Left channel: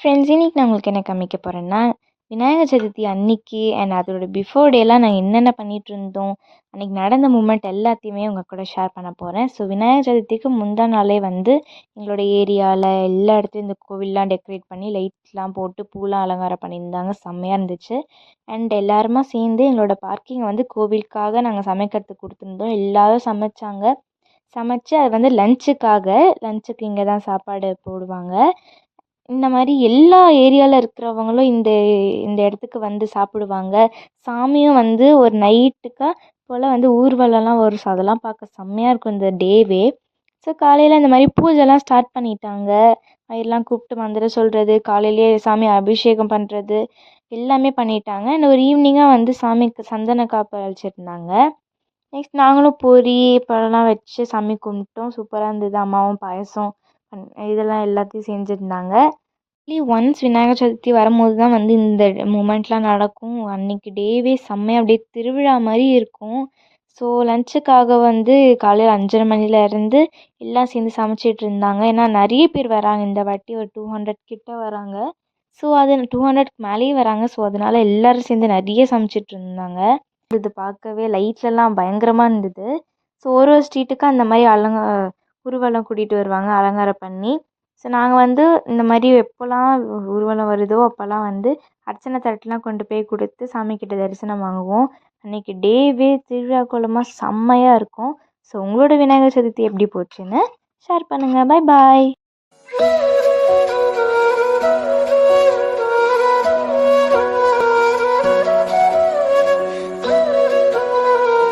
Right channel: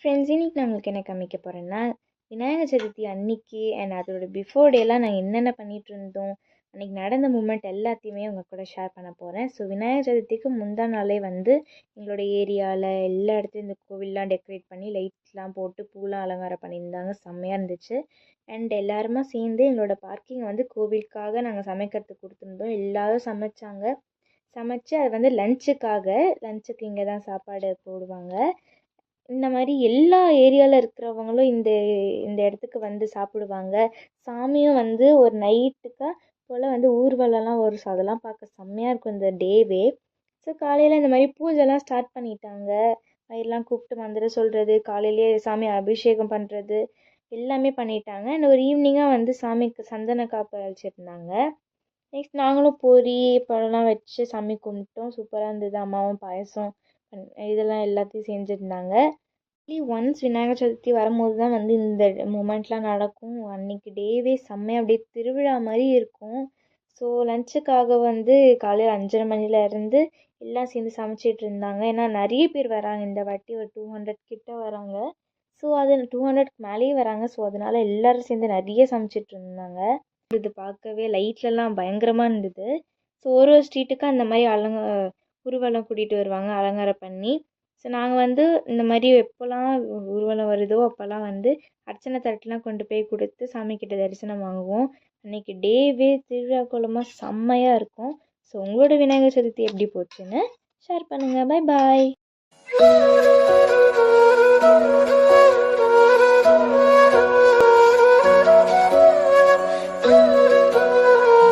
Friends, இன்னைக்கு நான் உங்களுக்கு என்ன காமிக்க போகிறேன்னா, விநாயகர் சதுர்த்தி அன்னைக்கு அண்ட் அதோட பிஃபோர் டேலாம் நாங்கள் என்னென்ன பண்ணிட்டு இருந்தோம், அன்றைக்கி நடந்த மூமெண்ட் எல்லாத்தையுமே உங்கள் கூட ஷேர் பண்ண போகிறேன். ஸோ விநாயகர் சதுர்த்திக்கு முந்தா நாளே வந்து எங்களோட ஏரியாவில் எல்லா இடத்துலையும் இந்த கோவில்லாம் டெக்கரேட் பண்ணி லைட்ஸ்லாம் போட்டு பூலாம் அலங்காரம் பண்ணியிருந்தாங்க. செம்மையாக இருந்துச்சு. அண்ட் எல்லாருமா சேர்ந்து எங்களோட பார்க்கிங்கை வந்து கோவிலுக்காக நாங்கள் சமைக்கிறதுக்கு கொடுத்துருந்தோம். எல்லோரும் சமைச்சு அது வந்து லஞ்சுக்கு இங்கே தான் சாப்பாடு போடுவாங்க. இந்த மாதிரி எல்லா ஏரியாவில் இருக்கிறவங்களும் இந்த இந்த இடத்துக்கு வந்து சாப்பிடுவாங்க. சாமியும் வந்து ஒரு நைட்டுக்கா போல் வந்து ஊர்வலம்லாம் வரும். ஸோ அதெல்லாம் பார்க்க செம்மையாக இருக்கும் இந்த டேவே. ஸோ காலையில் இந்த மாதிரி பூஜைலாம் ஸ்டார்ட் பண்ணிட்டாங்க. எல்லாம் கூப்பிட்டு மந்திரம் சொல்கிறது, காலையிலேயே சாமி அபிஷேகம் பண்ணுறது எல்லாமே பண்ணிட்டாங்க. அண்ட் ஒரு ஈவினிங்காக வந்து சாமிக்கு சந்தன காப்பு அழைச்சிருந்தாங்க. நெக்ஸ்ட் நாங்களும் பொரி பழம்லாம் வச்சு சாமி கும்பிட்டோம். சூப்பராக இருந்தது. அம்மாவும் பாயசம் இதெல்லாம் எல்லாத்தையும் செஞ்சுருந்தாங்க. ஒன்ஸ் விநாயகர் சதுர்த்தி வரும்போது தான் வந்து இந்த மூமெண்ட்லாம் நடக்கும். அன்றைக்கி டேவே செம்மையாக அப்படியே திருவிழா மாதிரி இருக்கும். ஸோ லஞ்சுக்காக வந்து காலையில் 5:30 மணிலேருந்து எல்லாம் சேர்ந்து சமைச்சிட்டு இருந்தாங்க. ஏன்னா நிறைய பேர் வராங்க இந்த வாட்டி, ஒரு 200 கிட்ட வராங்க. ஸோ அது 200க்கு மேலேயே வராங்க. ஸோ அதனால எல்லோரும் சேர்ந்து நிறைய சமைச்சிட்டு இருந்தாங்க. இது பார்க்கவே லைட்லலாம் பயங்கரமாக இருந்தது. ஸோ ஒரு ஸ்ட்ரீட்டுக்கு அந்த மாதிரி ஊர்வலம் கூட்டிகிட்டு வருவாங்க அலங்காரம் பண்ணி. ஸோ நாங்கள் வந்து இந்த மாதிரி எப்போல்லாம் ஊர்வலம் வருதோ அப்போல்லாம் வந்து அர்ச்சனை தட்டுலாம் கொண்டு போய் கொடுத்து சாமிக்கிட்ட தரிசனம் வாங்குவோம். அன்றைக்கி டேவே திருவிழா கோலமாக செம்மையாக இருக்கும். ஸோ உங்களோட விநாயகர் சதுர்த்தி எப்படி போச்சுன்னு ஷேர் பண்ணுங்கள். Bye bye.